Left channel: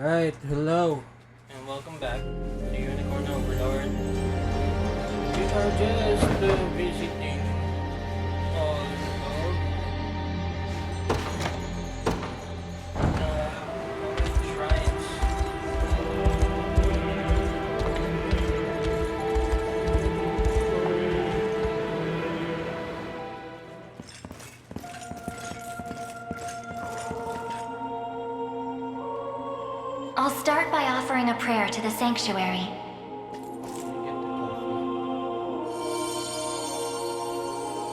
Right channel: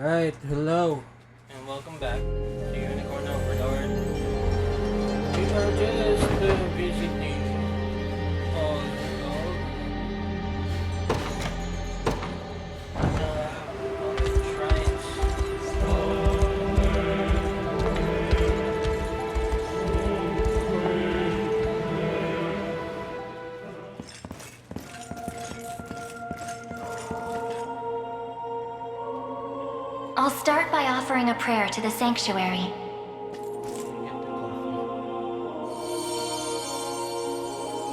Right, hello. And welcome back to Unicorn Overlord. We are just visiting all of the shrines. I'll start by offering a prayer to the sanctuary.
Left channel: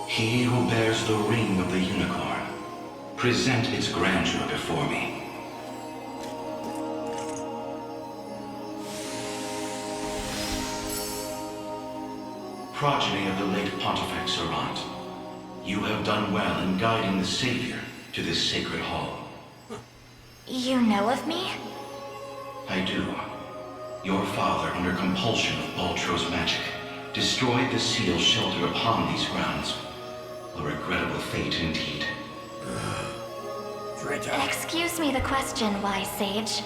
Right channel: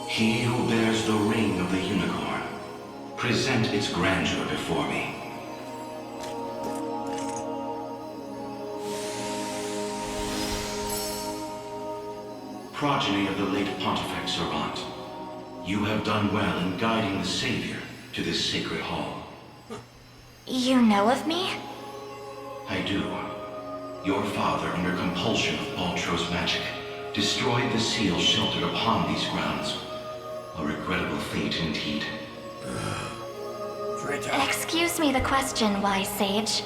He who bears the ring of the unicorn, present its grandeur before me. Progeny of the late Pontifex Errant, you have done well in guiding the Savior to this sacred hall. You know of me? I do. Your father, under compulsion of Baltro's magic, destroyed the seal sheltered upon these grounds. A regrettable fate indeed. Excuse me the question, wise sage.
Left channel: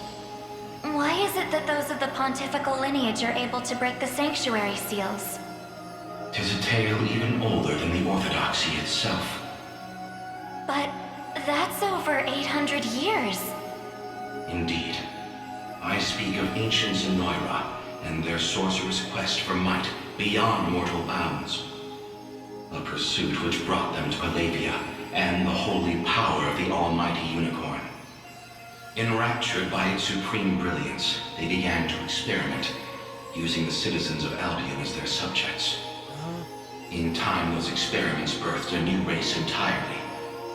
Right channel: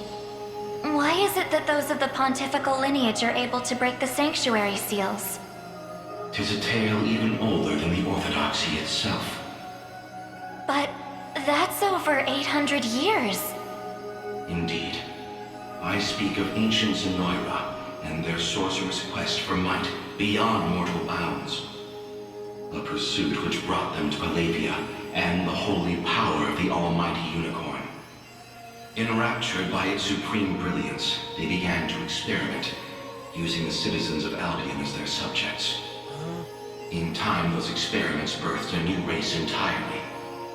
Why is it that those of the pontifical lineage are able to break the sanctuary seals? 'Tis a tale even older than the orthodoxy itself. But that's over 800 years. Indeed. I speak of ancient Zenoira and their sorcerer's quest for might beyond mortal bounds. A pursuit which brought them to Palavia and the holy power of the almighty unicorn. Enraptured by its supreme brilliance, they began to experiment, using the citizens of Albion as their subjects. In time, those experiments birthed a new race entirely.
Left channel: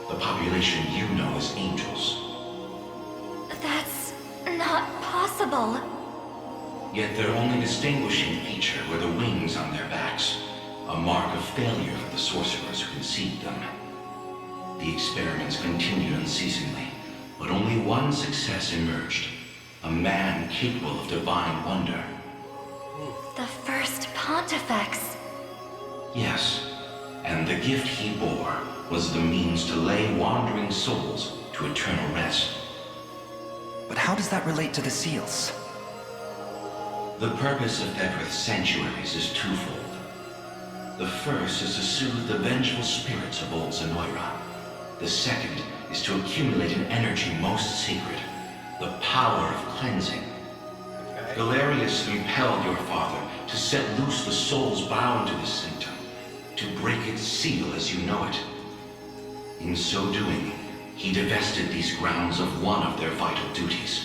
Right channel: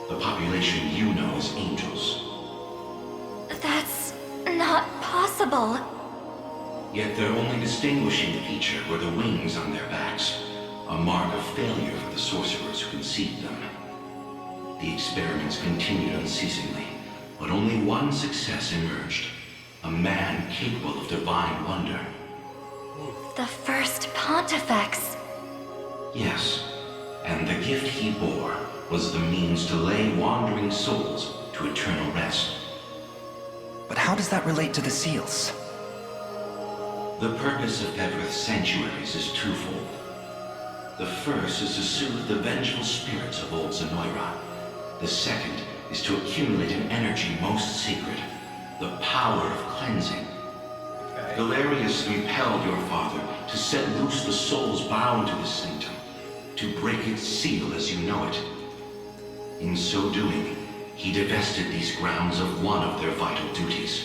The population you know as angels. That's not possible. Yet their only distinguishing feature were the wings on their backs, a mark of failure for the sorcerers who conceived them. The experiments continued unceasingly, but only one success emerged. A man capable of divine wonder. The first Pontifex. Yes, and the gift he bore was the means to lay wandering souls to eternal rest. But how does that relate to the seals? The purpose of Everth's sanctuaries is twofold. The first is to soothe the vengeful spirits of old Zenoira. The second is to accumulate an energy most sacred, the power of cleansing. Galerius impelled your father to set loose the souls bound to this sanctum, to break its seal as you know it. In so doing, he divested these grounds of one of their vital duties.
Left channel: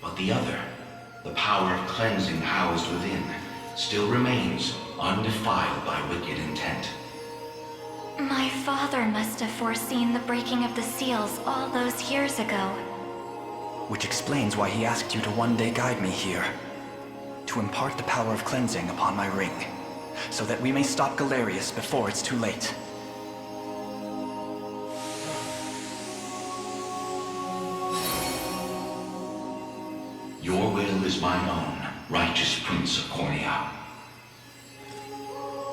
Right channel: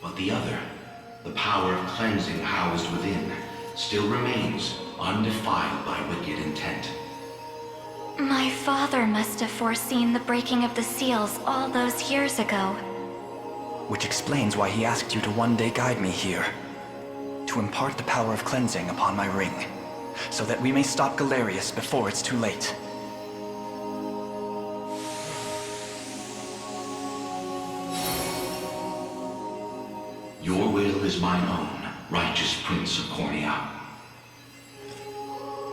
But the other, the power of cleansing housed within, still remains undefiled by wicked intent. My father must have foreseen the breaking of the seals all those years ago. Which explains why he asked you to one day guide me here. To impart the power of cleansing upon my ring, so that we may stop Galerius before it's too late. Your will is mine own, righteous Prince of Cornea.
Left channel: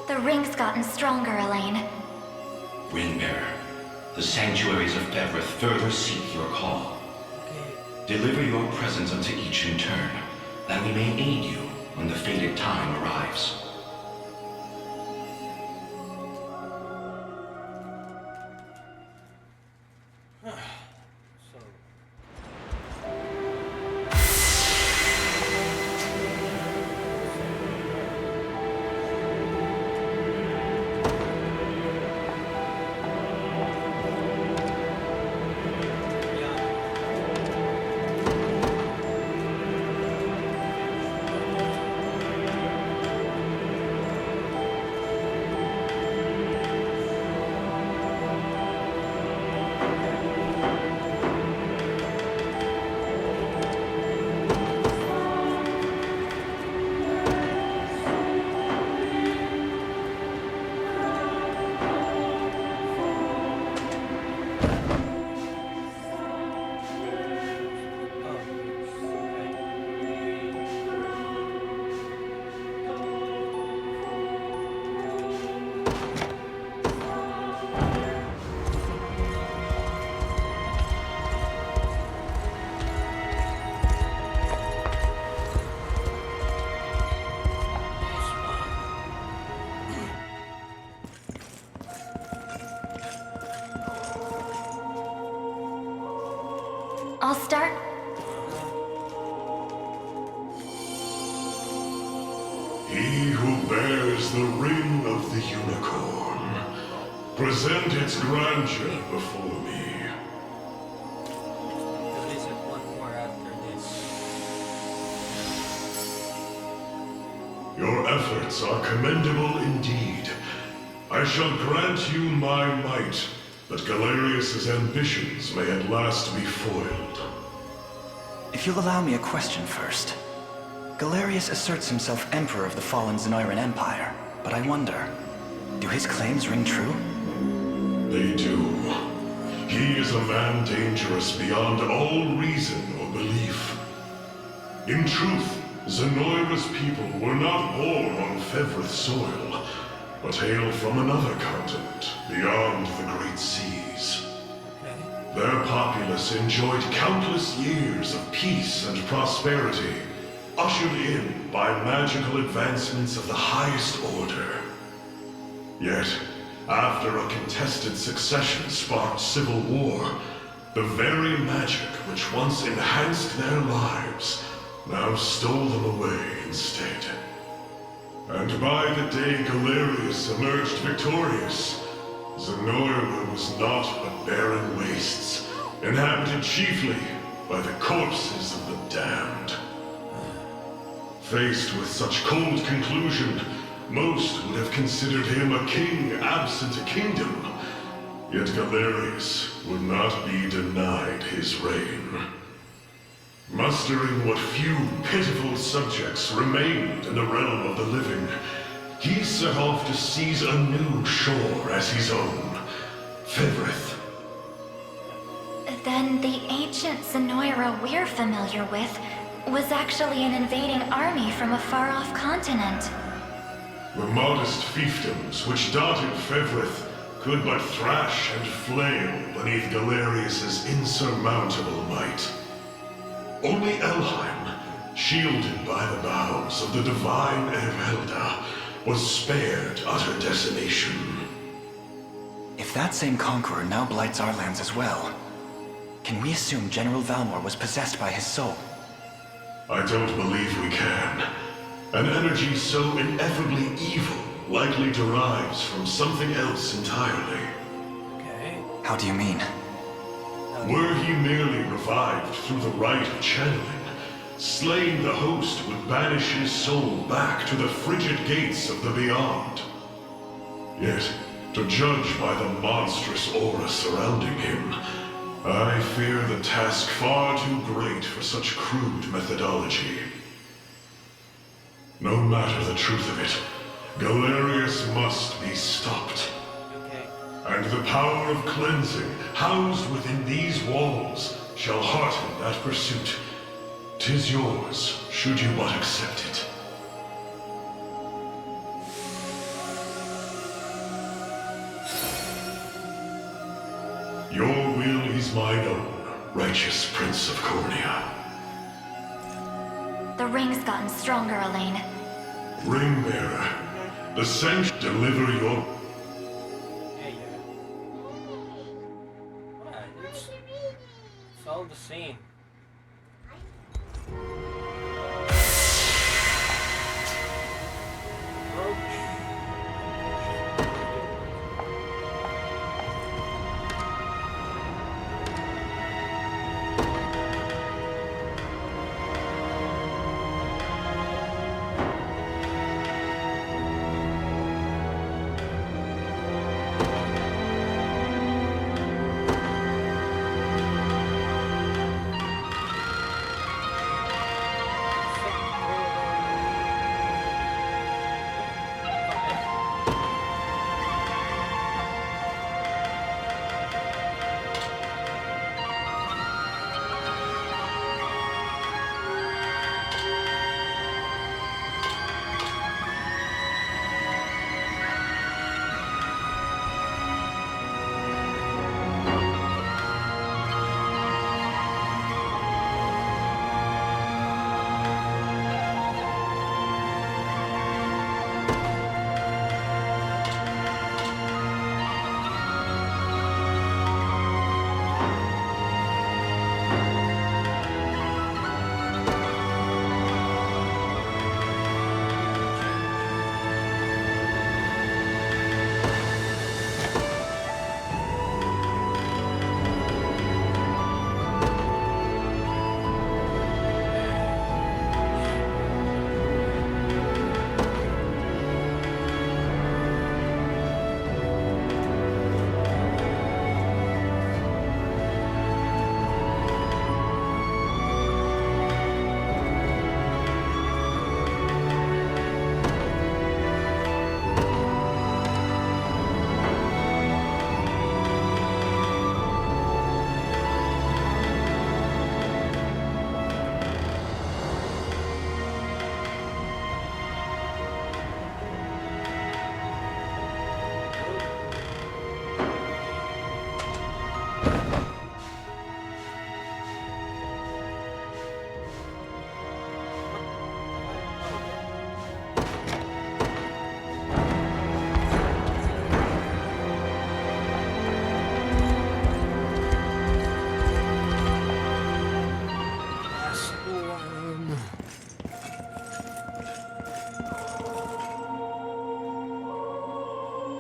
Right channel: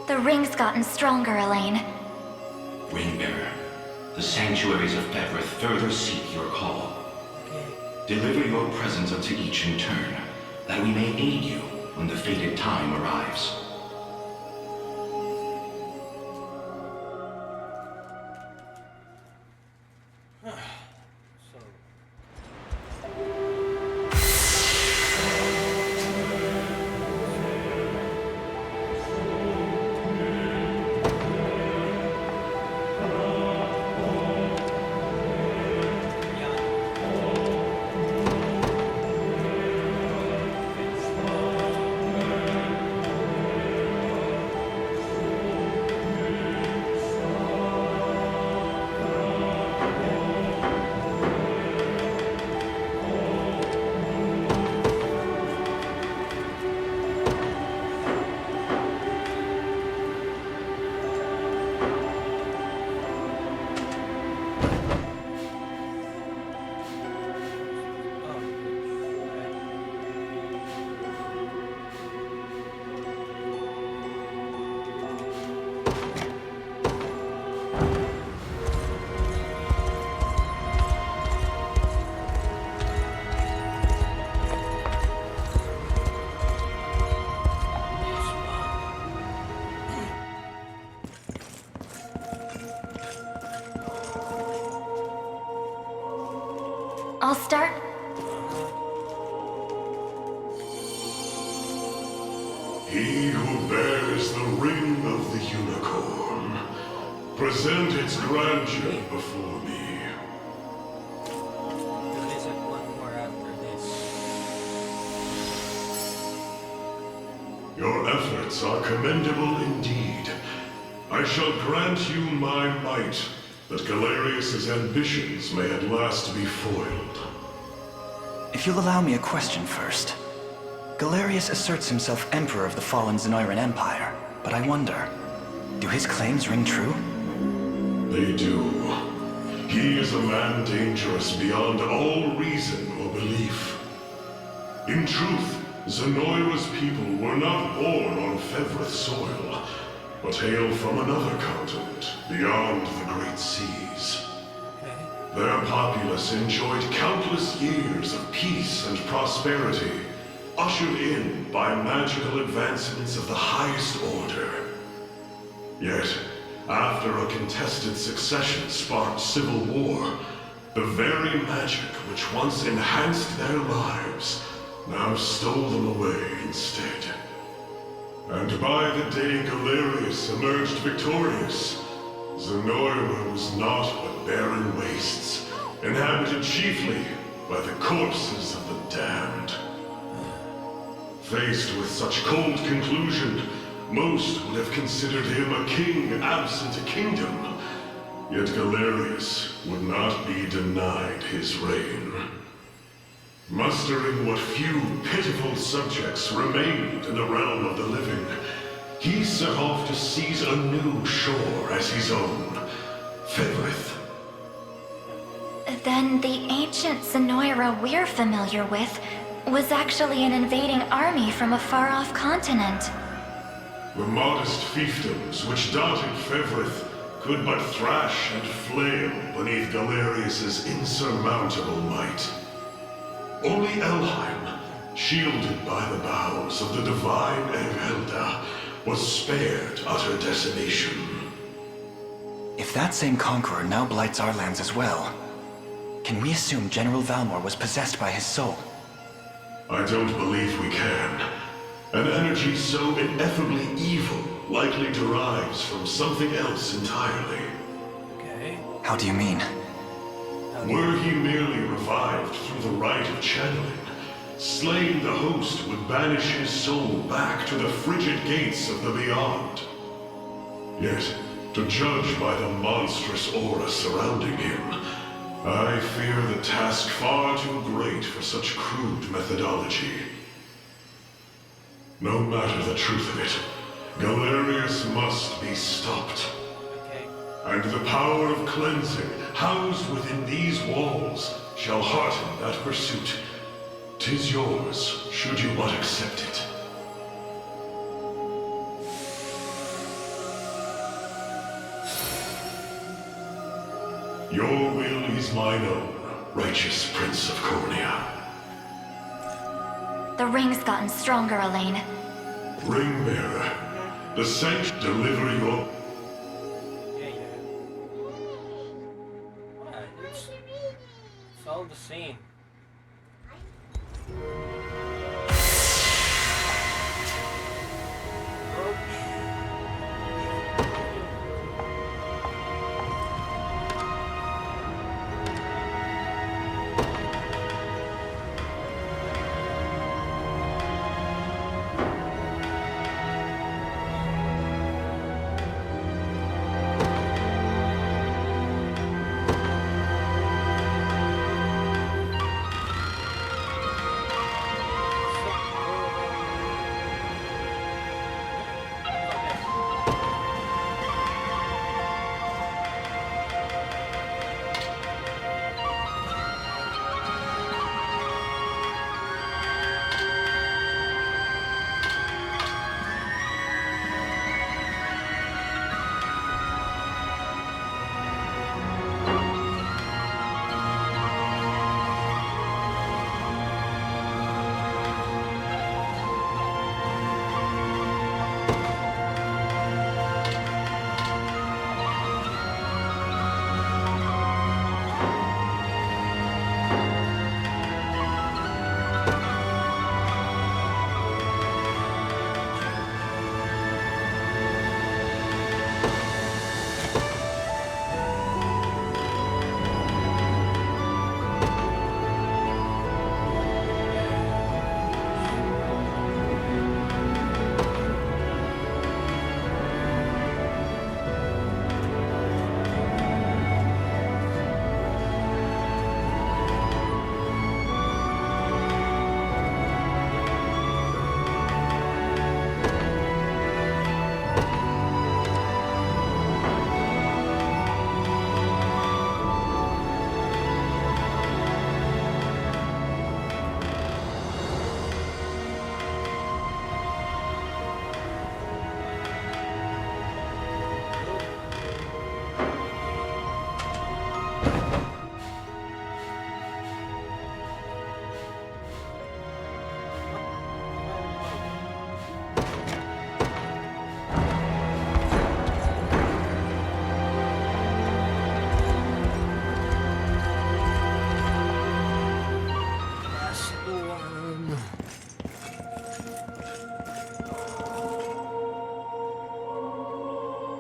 The ring's gotten stronger, Elaine. Ringbearer, the sanctuaries of Everth further seek your call. Deliver your presence unto each in turn, that we may aid you when the fated time arrives. I'll start. He who bears the ring of the unicorn, present its grandeur before me. We'll visit one more after this. Your efforts are commendable indeed. I shall grant you my might, that Galerius's ambitions may at last be foiled. If you'll allow me a question first. Galerius asserts himself Emperor of the fallen Zenoiran Empire, but I wonder, do his claims ring true? They do. He is a man dangerous beyond all reason or belief. In truth, Zenoira's people were not born on Fevrith soil, but hail from another continent, beyond the Great Seas. Okay. Their populace enjoyed countless years of peace and prosperity, ushered in by magical advancements of the highest order. Yet, after a contested succession sparked civil war, the very magic which once enhanced their lives now stole them away instead. And by the day Galerius emerged victorious, Zenoira was naught but barren wastes, inhabited chiefly by the corpses of the damned. Faced with such cold conclusion, most would have considered him a king absent a kingdom. Yet Galerius would not be denied his reign. Mustering what few pitiful subjects remained in the realm of the living, he set off to seize a new shore as his own, Fevrith. Then the ancient Zenoira we're familiar with was actually an invading army from a far-off continent. The modest fiefdoms which dotted Fevrith could but thrash and flail beneath Galerius's insurmountable might. Only Elheim, shielded by the boughs of the divine Erhelda, was spared utter decimation. If that same conqueror now blights our lands as well, can we assume General Valmor was possessed by his soul? I don't believe we can. An energy so ineffably evil likely derives from something else entirely. Okay. How do you mean? Were he merely revived through the rite of channeling, slaying the host would banish his soul back to the frigid gates of the beyond. Yet, to judge by the monstrous aura surrounding him, I fear the task far too great for such crude methodology. No matter the truth of it, Galerius must be stopped. Okay. And the power of cleansing housed within these walls shall hearten that pursuit. 'Tis yours, should you but accept it. Your will is mine own, righteous Prince of Cornea. The ring's gotten stronger, Elaine. Ringbearer, the saint deliver your... Yeah. It's all the same.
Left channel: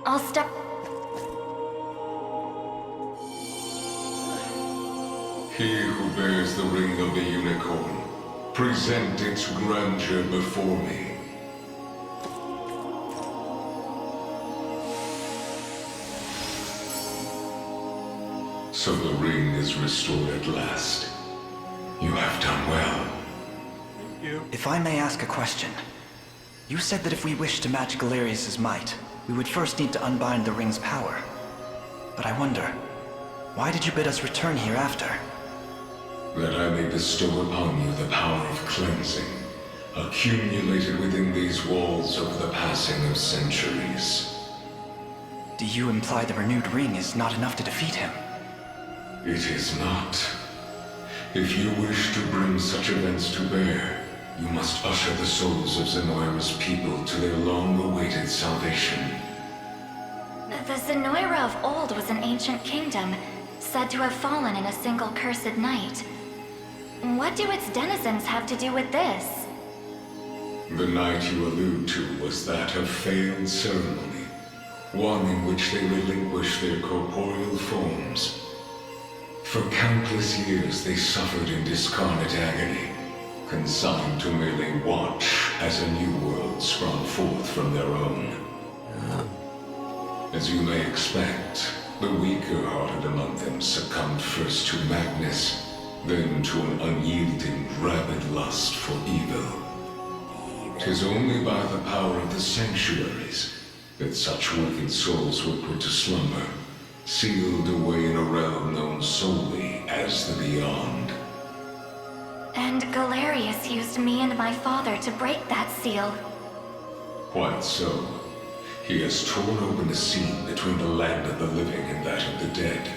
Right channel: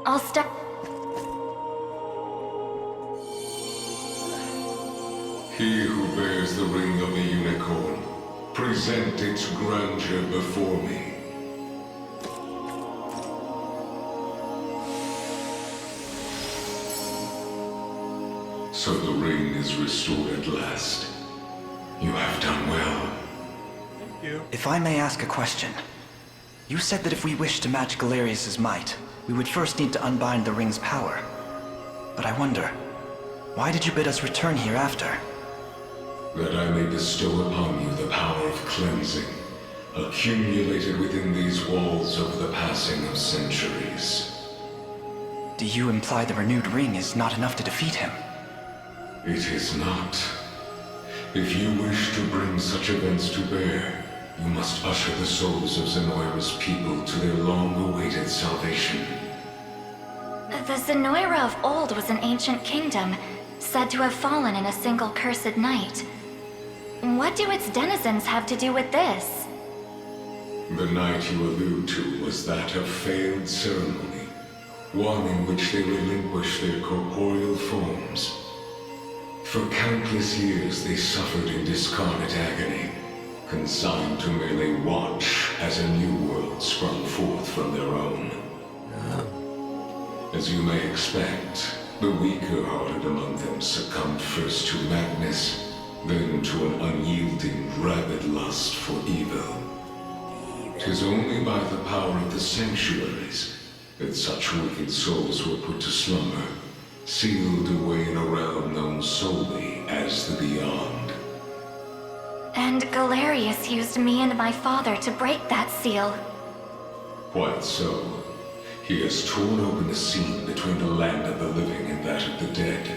I'll step. He who bears the ring of the unicorn, present its grandeur before me. So the ring is restored at last. You have done well. Thank you. If I may ask a question. You said that if we wish to match Galerius' might, we would first need to unbind the ring's power. But I wonder, why did you bid us return here after? That I may bestow upon you the power of cleansing, accumulated within these walls over the passing of centuries. Do you imply the renewed ring is not enough to defeat him? It is not. If you wish to bring such events to bear, you must usher the souls of Zenoira's people to their long-awaited salvation. The Zenoira of old was an ancient kingdom, said to have fallen in a single cursed night. What do its denizens have to do with this? The night you allude to was that of failed ceremony, one in which they relinquished their corporeal forms. For countless years they suffered in discarnate agony, consigned to merely watch as a new world sprung forth from their own. As you may expect, the weaker-hearted among them succumbed first to madness, then to an unyielding, rabid lust for evil. 'Tis only by the power of the sanctuaries that such wicked souls were put to slumber, sealed away in a realm known solely as the Beyond. And Galerius used me and my father to break that seal. Quite so. He has torn open a seam between the land of the living and that of the dead.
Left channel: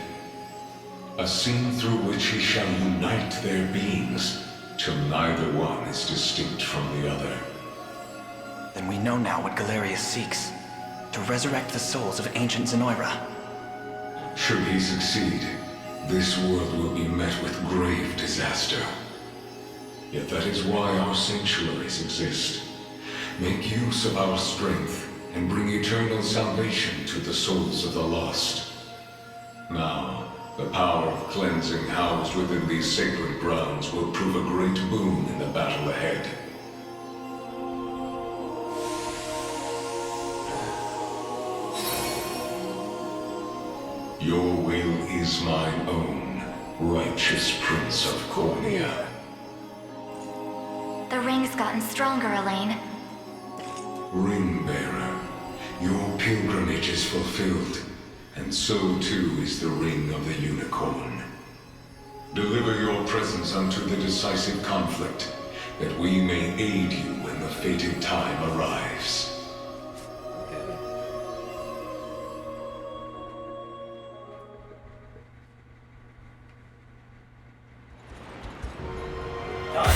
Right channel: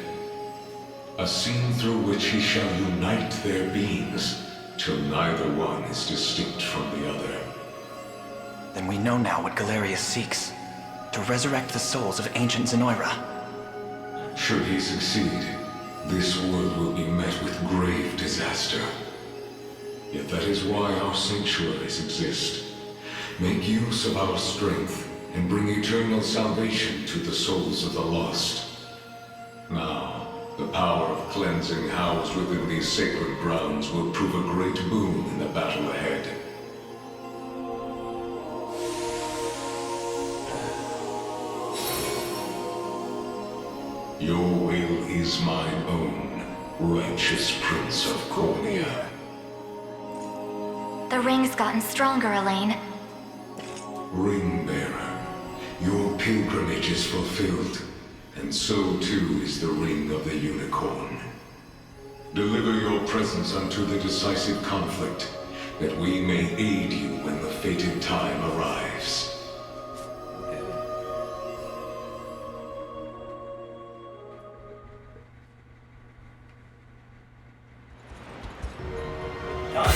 A seam through which he shall unite their beings, till neither one is distinct from the other. Then we know now what Galerius seeks. To resurrect the souls of ancient Zenoira. Should he succeed, this world will be met with grave disaster. Yet that is why our sanctuaries exist. Make use of our strength and bring eternal salvation to the souls of the lost. Now, the power of cleansing housed within these sacred grounds will prove a great boon in the battle ahead. Your will is mine own, righteous Prince of Cornea. The ring's gotten stronger, Elaine. Ring-bearer, your pilgrimage is fulfilled, and so too is the ring of the unicorn. Deliver your presence unto the decisive conflict, that we may aid you when the fated time arrives. Done.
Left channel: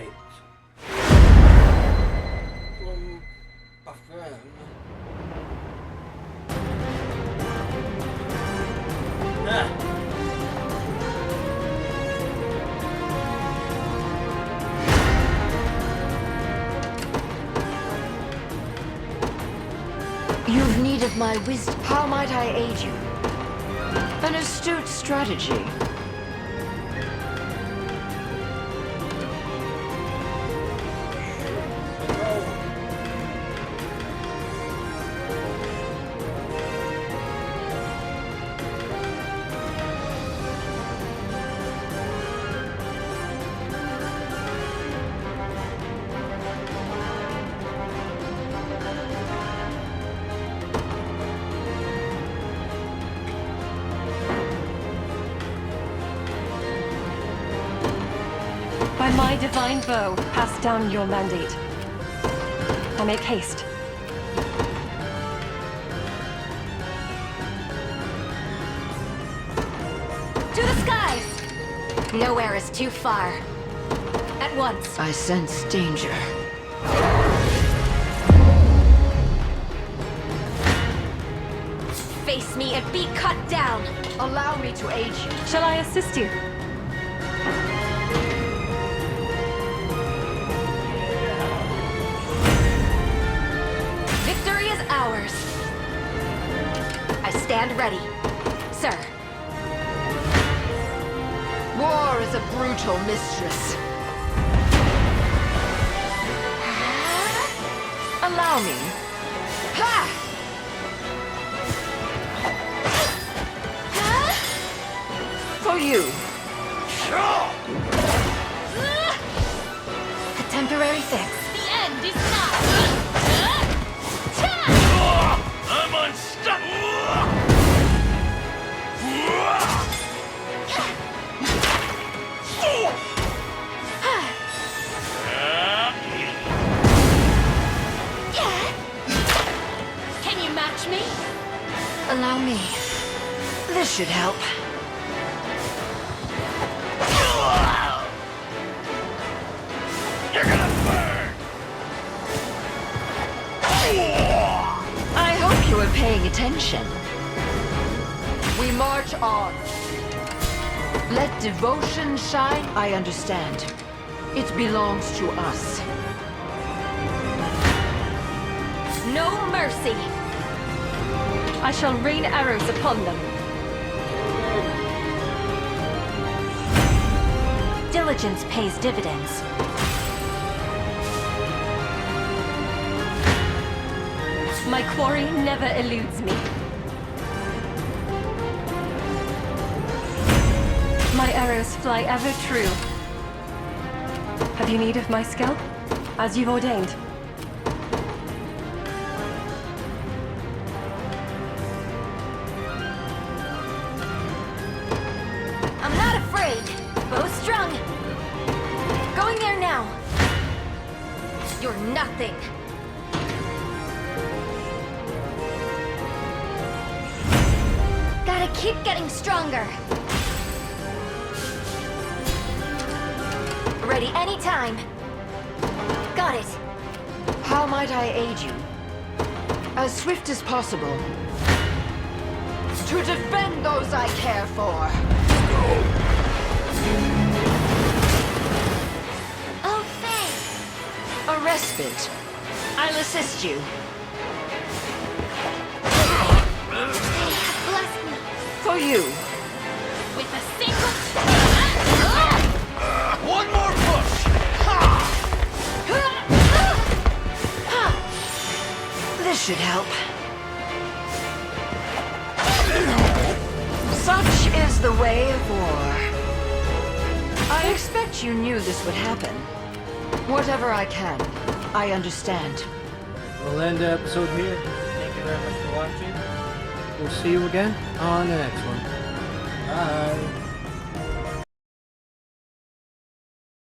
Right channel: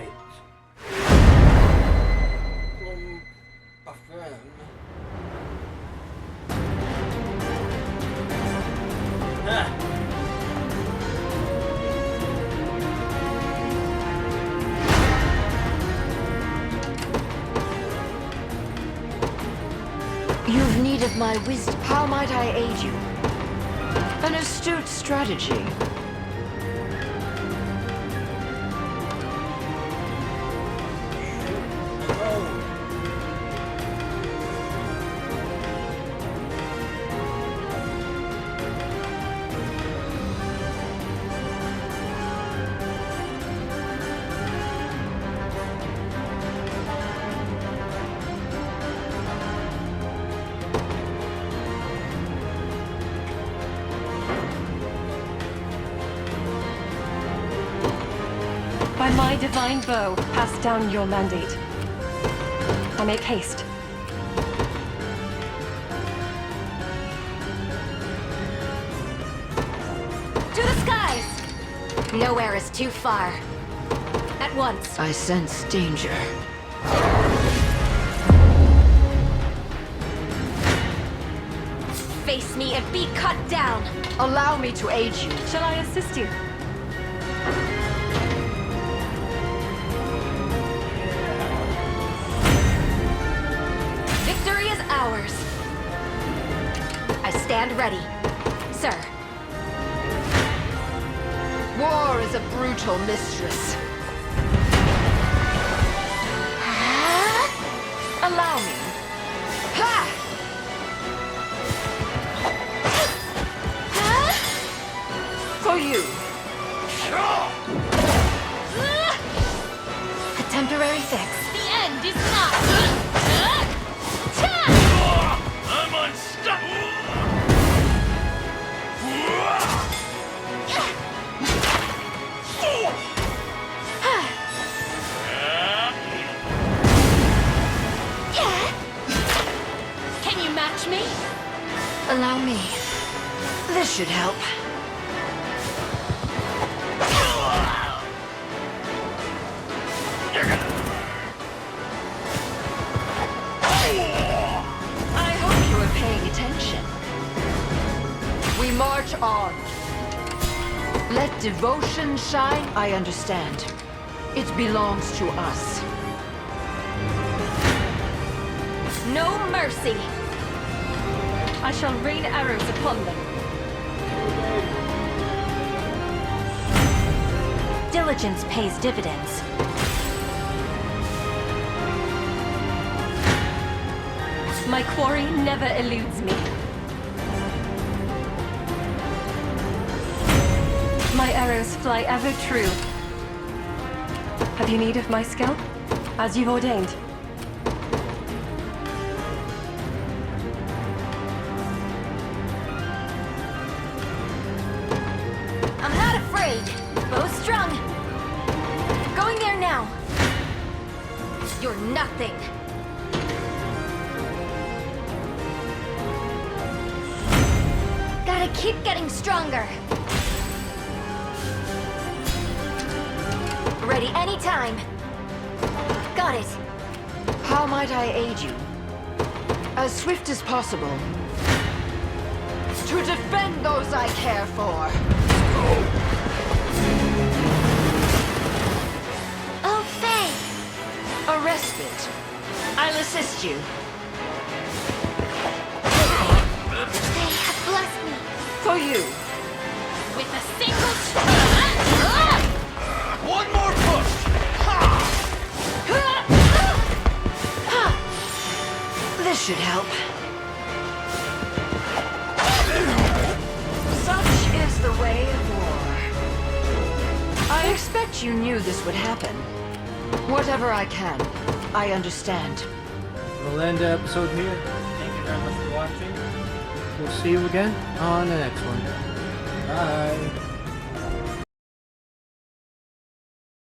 Alright. Plum Paferme. Ah! You've need of my wisdom. How might I aid you? An astute strategy. Hello. By my divine bow, pass down your mandate. I make haste. To the skies! Nowhere is too far. At once. I sense danger. Face me and be cut down. Allow me to aid you. Shall I assist you? Victory is ours. I stand ready, sir. War is a brutal mistress. Allow me. Ha! For you. A temporary fix. The end is not. I'm unstoppable! Can you match me? Allow me. This should help. You're gonna burn! I hope you are paying attention. We march on. Let devotion shine. I understand. It belongs to us. No mercy. I shall rain arrows upon them. Diligence pays dividends. My quarry never eludes me. My arrows fly ever true. Have you need of my skill? As you've ordained. I'm not afraid. Bow strung. Going there now. You're nothing. Gotta keep getting stronger. Ready anytime. Got it. How might I aid you? As swift as possible. To defend those I care for. Oh, Faye. A respite. I'll assist you. They have blessed me For you. with a single One more push! This should help. Such is the way of war. I expect you knew this would happen. Whatever I can, I understand. We'll end the episode here. Thank you very much for watching. We'll see you again on the next one. Bye.